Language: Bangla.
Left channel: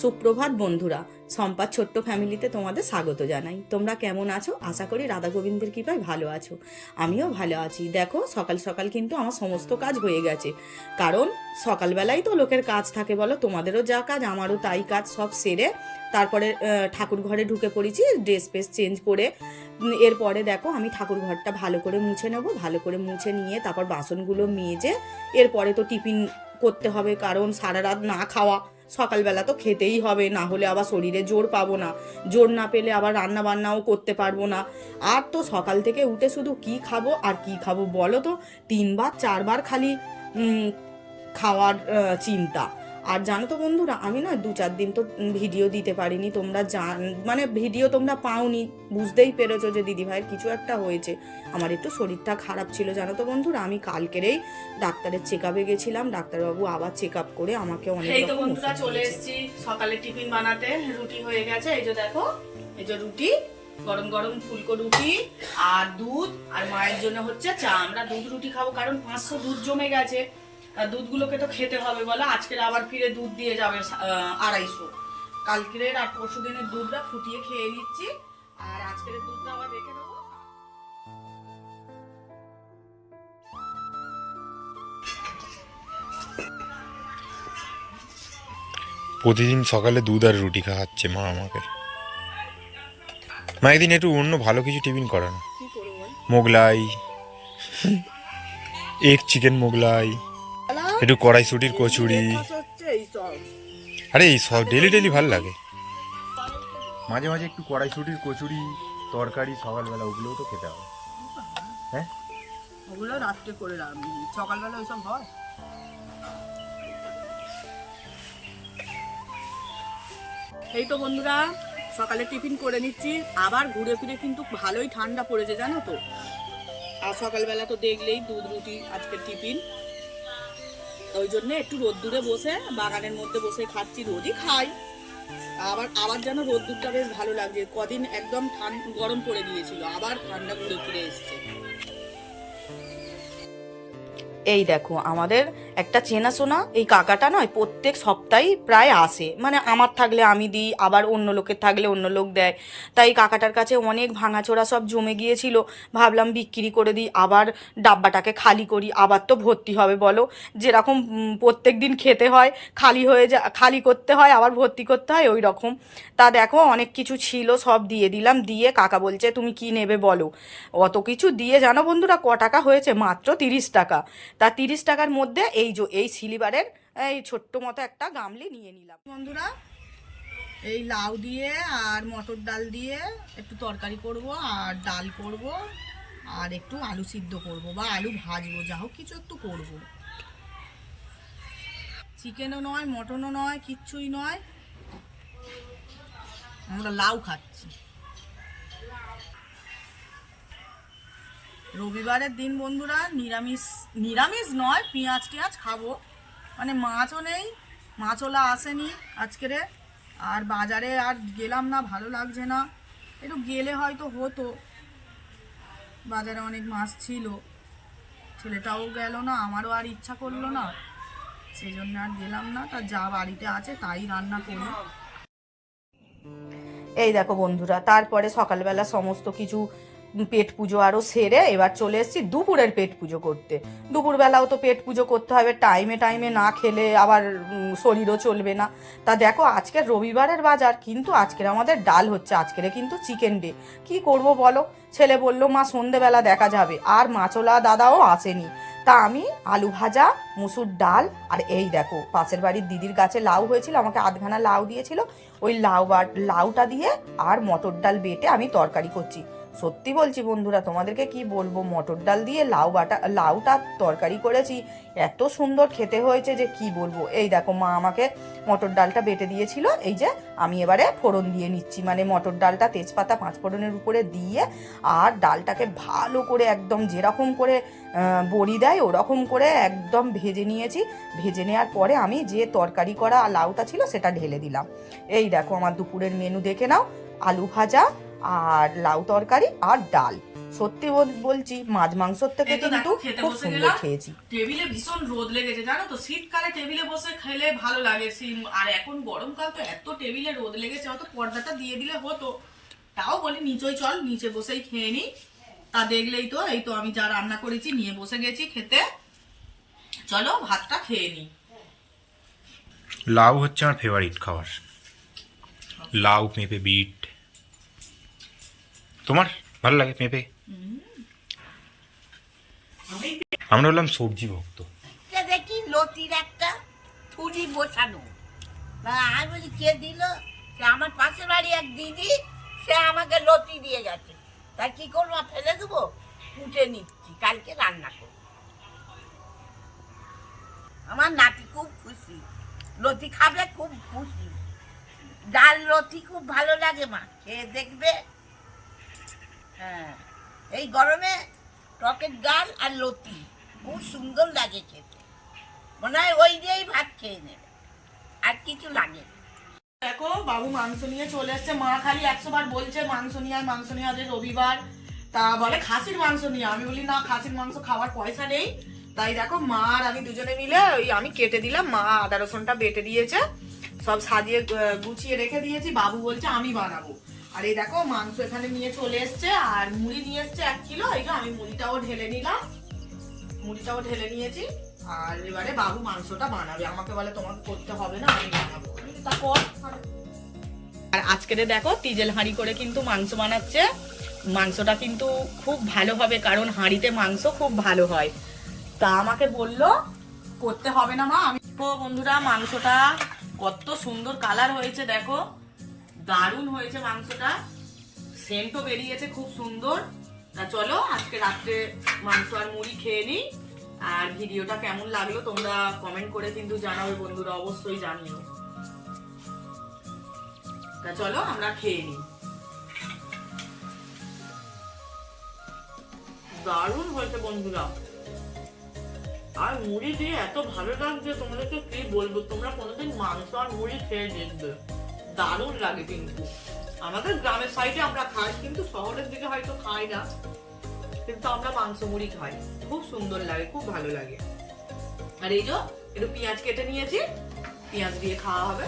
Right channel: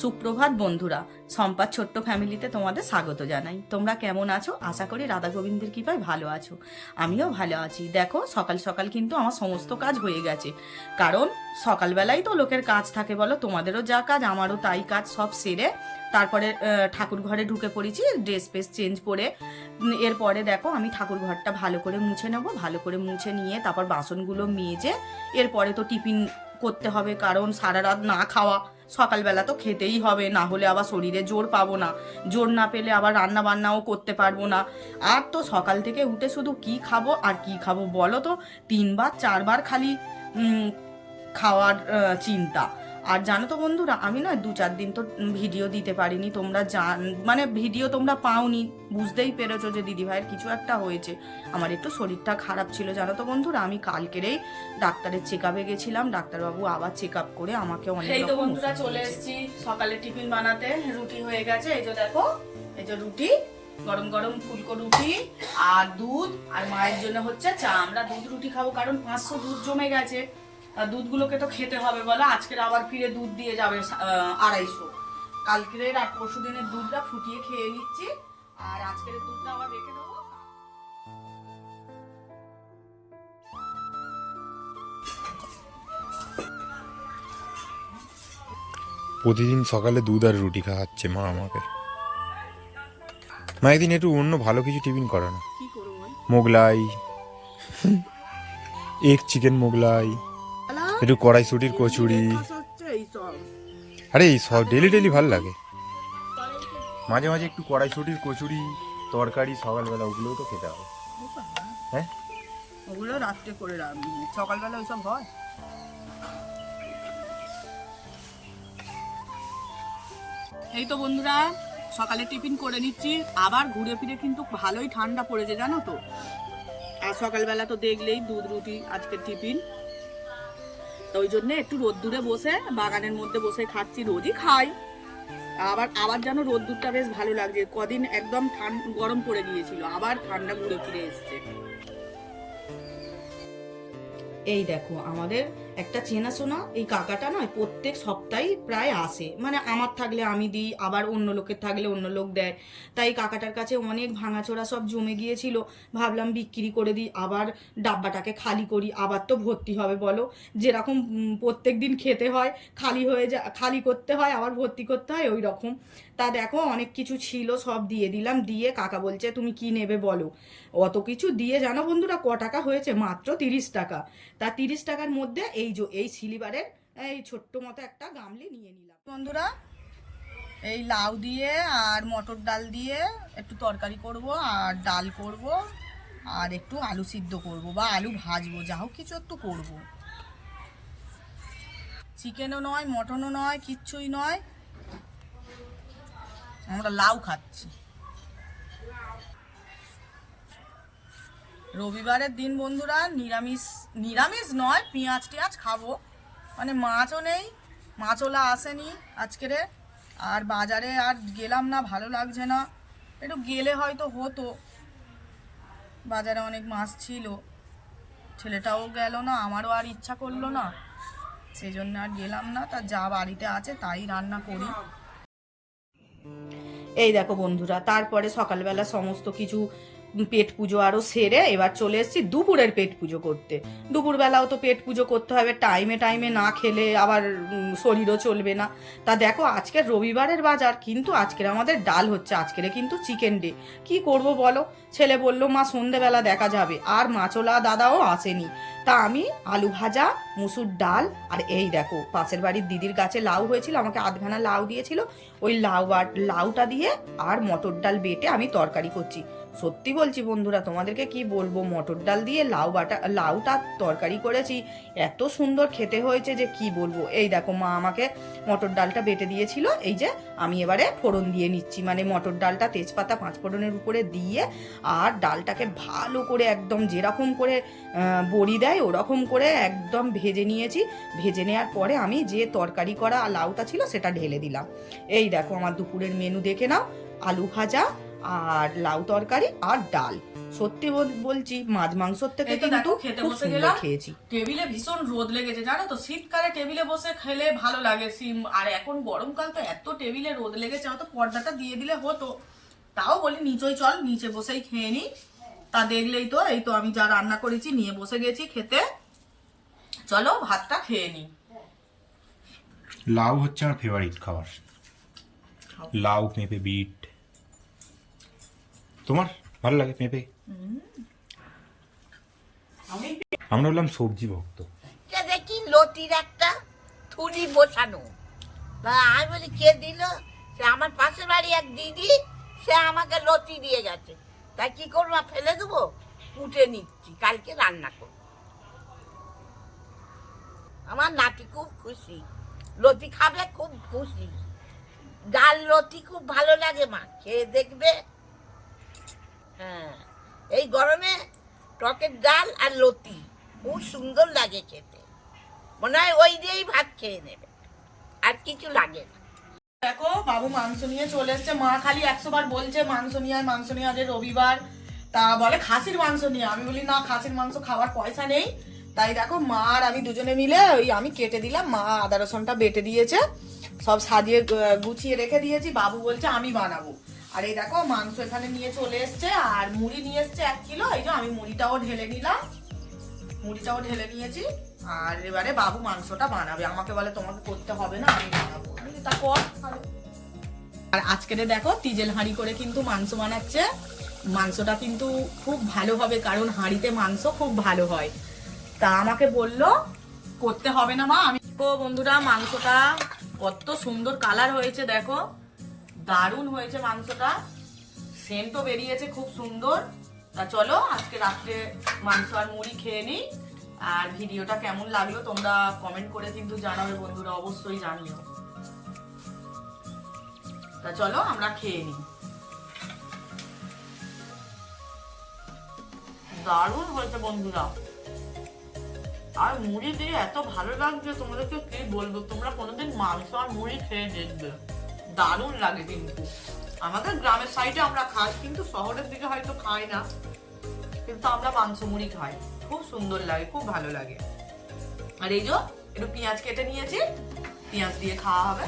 সুপ্রভাত বন্ধুরা সম্পাদ ছোট্ট ফ্যামিলিতে তোমাদের স্বাগত জানাই। তোমরা কেমন আছো? আশা করি রাধা গোবিন্দের কৃপায় ভালো আছো। আমিও ভালো আছি। দেখো, সকাল সকাল কিন্তু আমার সমস্ত কাজ হয়ে গেছে। কারণ সকালবেলায় তো লোকের কাজ থাকে বলো, তোমাদেরও যা কাজ, আমারও তাই কাজ সব সেরে তারপরে ঠাকুর ঘরে ঢুকে পড়েছি ড্রেস ফেস চেঞ্জ করে। এরপরে দেখো, আমি ঠাকুর ঘরটা ভালো করে মুছে নেব, ভালো করে মুছে নিয়ে তারপর বাসনগুলো মেজে, এরপরে তো টিফিন করতে হবে কারণ সারা রাত না খাওয়া। সকালবেলা তো খেতেই হবে, না হলে আবার শরীরে জোর পাবো না। জোর না পেলে আবার রান্না বান্নাও করতে পারব না। আর তো সকাল থেকে উঠে শুধু কি খাব আর কি খাব বলো তো? তিনবার, চারবার খালি খাওয়ার চিন্তা। আর জানো তো বন্ধুরা আমি না দু চার দিন তো ভিডিও দিতে পারিনি তোমরা জান মানে ভিডিও তোমরা পাওনি বুঝতেই পেরেছ যে দিদিভাইয়ের কিছু একটা হয়েছে। আমার একটু শরীরটা খারাপ ছিল জানো তো বন্ধুরা আমি কালকেরেই ডাক্তারের চেক আপে গেছিলাম ডাক্তারবাবু আবার চেক আপ করে আমাকে অনেক রকম চলে। এসেছি সকালে টিফিন বানাতে রুটি হয়ে গেছে এই যে দেখো এই যে রুটি গরম গরম ফুলকো রুটি আর দুধ আর মায়ের জন্য হচ্ছে চা। আমরা দুধ রুটি খাব কারণ পাঁচশো দুধ জমে গেছে। দুধগুলোকে তো খেতে হবে বলে। আজকের আবার ফিরে দুধ দিয়ে যাবে আড়াইশো। কালকের আর পরশু দিনের দুধটা ফুটিয়ে খেয়ে নিচ্ছি। আর আজকের দুধটা আবার রেখে দেবো। প্রতিদিন সকালে দুধ আর রুটি খাওয়াচ্ছে মা আমাকে। মা একদিন একটু অন্য ভালো কিছু টিফিন করে না কি করব বল? মোগলাই এগ চিকেন মোগলাই একটু কড়াইশুটির কচুরি। আরে এই সব ডেলি ডেলি ভালো লাগে। মাঝে মাঝে একটু কড়াইশুটির কচুরি তরকারি সকালবেলা ওগুলোও তো খেতে হবে। হ্যাঁ? ওগুলো রাত্রে করে রাখবি সকালবেলা ওইসব হয়? এই তো বন্ধুরা সকালে টিফিন করে নিচ্ছি। আবার ঘুরে ফিরে কিন্তু ভালোই ঠান্ডা পড়েছে জানো তো? আর সকালবেলা তো দেখলেই দুধ রুটি আজকের টিফিন। ওই জন্য একটু রোদ্দুরে বসে, বাগানের মধ্যে বসে খাচ্ছি, রোজই খাই। আবার আবার যেন রোদ্দুরটা বেশ ভালো লাগছে। কদিন একদম ঠান্ডা গরম পড়ে গিয়েছিল, আবার ঠান্ডা ঘুরে ফিরে এসছে। এই দেখো, আমাদের একটা চেনাশোনা এই কাকাটা নয়, প্রত্যেক সপ্তাহেই প্রায় আসে। মানে আমার থাকলে আমি দিই, আবার অন্য লোকের থাকলে অন্য লোক দেয়। তাই কাকাটার কাছে অনেক ভাঙাচোরা সব জমে গিয়েছিল। ভাবলাম বিক্রি করে দিই, আবার ডাব্বাটাকে খালি করি, আবার তো ভর্তি হবে বলো। যেরকম প্রত্যেক দিন খেতে হয়, খালি হয়ে যা, খালি করতে হয়, আবার ভর্তি করতে হয়, ওই রকম। তা দেখো, অনেক কিছু ছিল, সব দিয়ে দিলাম, দিয়ে কাকা বলছে, তুমি কি নেবে বলো? অত কিছু দিয়ে, জানো বন্ধুরা, ক টাকা হয়েছে? মাত্র তিরিশ টাকা। তা তিরিশ টাকার মধ্যে এই যে, এই সিলিবারের, এই ছোট্ট মতো একটা গামলি নিয়ে নিলাম। বন্ধুরা, এই লাউ দিয়ে আর মটর ডাল দিয়ে একটু তরকারি করব আর ডাল করব আর একটু আলু সিদ্ধ করব বা আলু ভাজবো, যা হোক কিছু একটু করব। চিকেনও নয়, মটনও নয়, কিচ্ছুই নয়। আমরা লাউ খাচ্ছি। রবিবারের দিন বন্ধুরা নিরামিষ নিরামিষ নয়, পেঁয়াজ টিয়াজ খাব। মানে মাছও নেই মাছওলা আসেনি আজকের আর বাজারে আর গেলাম না, ভালো লাগছে না। একটু গেলে হয়তো হতো। বাজারে অনেক মাছ ছিল। ছেলেটাও গেল না, আমারও আর ইচ্ছা করল না। সেই জন্য আর গেলাম না, তা যা বাড়িতে আছে তাই রান্না করি। এই দেখো বন্ধুরা, তারপরে সকালবেলা সমস্ত কিছু পেট পুজো আরও সেরে এবার চলে এসেছি দুপুরের পেট পুজো করতে। দুপুরবেলাও তো পেট পুজো করতে হবে, টাইমে টাইমে না খেলে আবার শরীরও চলবে না। তা দেখো, আজকের রবিবারের বাজার কিন্তু আজকের আমাদের ডাল হচ্ছে, আজকের কিন্তু চিকেন ডে। কি করব বলো? ছেলে বলল, মা, সন্ধেবেলা দেখা যাবে। আর মাছলা দাদাও আসেনি। তা আমি, আলু ভাজা, মুসুর ডাল, আর এই দেখো, পাশের বাড়ির দিদির গাছে লাউ হয়েছিল, আমাকে আধখানা লাউ দিয়েছিল। ওই লাউ লাউটা দিয়ে আর মটর ডাল বেটে আমি তরকারি করছি। সত্যি বলছি বন্ধুরা, তোমাদেরকে কি বলব? মটর ডাল দিয়ে লাউ বাটা লাউটা তরকারি করেছি। এত সুন্দর খেতে হয়েছে যে কি বলব? এই দেখো, মা আমাকে মটর ডালটা বেটে দিয়েছিল। এই যে, আমি এবারে ফোড়ন দিয়ে নিচ্ছি। মানে মটর ডালটা তেজপাতা পাঁচ ফোড়নের উপরে দিয়ে আর ডালটাকে ভালো করে একদম যেরকম করে বড়ি দেয়, ওরকম করে একদম ভেজে নিয়েছি। ভেজে নেওয়ার পরে আমি যে তরকারি করা লাউটা ছিল, সেটা ঢেলে দিলাম। এই দেখো, আমার দুপুরের মেনু দেখে নাও। আলু ভাজা আর লাউ তরকারি আর ডাল। সত্যি বল- বলছি মাছ মাংসর থেকে কিন্তু খেতে খুব বসে সুন্দর খেয়েছি। টেবিলে ভীষণ রোদ লেগেছে জানো তো? শীতকালে টেবিলে বসে খেলে ভালো লাগে সিম- আর এখন গরমকাল তো এত টেবিলে রোদ লেগেছে হয়তো পর্দাটা দিয়ে দিলে হতো। তাও বলি নিচেই চল নিচে বসেই খেয়ে নি। তা দেখলেই তো এই তো আমি যা রান্না করেছি নিয়ে বসে গেছি খেতে। চলো ভাতটা খেয়ে নি। লাউ হচ্ছে আমার ফেভারিট খাবার। লাউ পেঁপে বিট। তোমার? ভালো লাগে পেঁপে আমরা হলাম সবজি ভক্ত। দেখি লতির একটা থুলি বসানো। আমি বলি, কে দিল? আমার পাশের বাড়ি এক দিদি, সে আমাকে লতি দিয়ে গেছে। তাই কি করব ফেলে দেবো? কুটে নিচ্ছি, কালকে রান্না করব। আমার নাতি খুব খুশি। লতি খাবে, খুব খুশি। ডাল লতি খুব ভালো লাগে মা, খেয়ে দেখবে। হ্যাঁ। এই গরমে টকের ডাল আর লতি খুব সুন্দর লাগে খেতে। মনে হয় ওই দিয়েই ভাত খেয়ে নেবে। আর কিছু লাগে না। দেখো, বাবু মাংস নিয়ে চলে এসছে। মা খালি একশো বার বলছে, মাংস নিয়ে মাংস নিয়ে আজ রবিবার। তা বলে, খাসির মাংস নিয়ে আমি বলি, না, খাসির মাংস খাওয়ার পয়সা নেই। তাই দেখো, মা আর আমি দুজনে মিলে ওই আমি কেটে দিলাম। মা আদা রসুনটা বেটে দিয়েছে। সব সাজিয়ে গুছিয়ে রেখে দিয়েছি। বাবু বলছে, আমি বানাবো। আর এই দেখো মাংস এখানে নিয়ে চলে এসছে, আর মুড়ি নিয়ে এসছে এক কিলো। এই যে আমি মুড়িটাও ঢেলে নিলাম। মুড়িটাও ঢেলে নিয়েছি। আর এবারে বাবু মাংসটা বানাবে। আমাকে বলে তোমাকে করতে হবে না, আমি বানাবো। তা তাহলে। আর আজকের দেখো, তিজেল হাঁড়ি করে কিন্তু মাংস বানাচ্ছে। মাংসটা কিন্তু খুব ভালো হবে, কারণ হাঁড়িতে মাংস খুব ভালো হয়। তা আমাকে বলল, করতে হবে না মা। আমি বন্ধুরা, মাংসটা কত সুন্দর কালার হয়েছে, দেখো। দারুণ হয়েছে মাংসটা। সেন্টও বেরিয়েছে খুব সুন্দর। তা চলো, আজকে রাত্রে মাংস আর মুড়ি খেয়ে নিই। আর ভিডিওটা কেমন লাগল তোমরা কমেন্ট করে কিন্তু জানাবে বন্ধুরা, অবশ্যই জানিও। তা চলো, আমরা খেয়ে নিই। দারুণ হয়েছে বন্ধুরা। আর মুড়ি দিয়ে এত ভালো লাগছে, তোমাদেরকে কি বলব? তোমরা কোনোদিন মাংস আর মুড়ি খেয়ে দেখবে। দারুণ লাগে কিন্তু। আমাদের গ্রামের সাইডে আমরা খাই, কিন্তু শহরের দিকে হয়তো খাই না। কিন্তু আমরা মাংস মুড়ি খাই। খুব সুন্দর লাগে, খুব ভালো লাগে। আর এই যে, একটু পেঁয়াজ কেটে নিয়েছি। পেঁয়াজ দিয়ে খাওয়া হবে।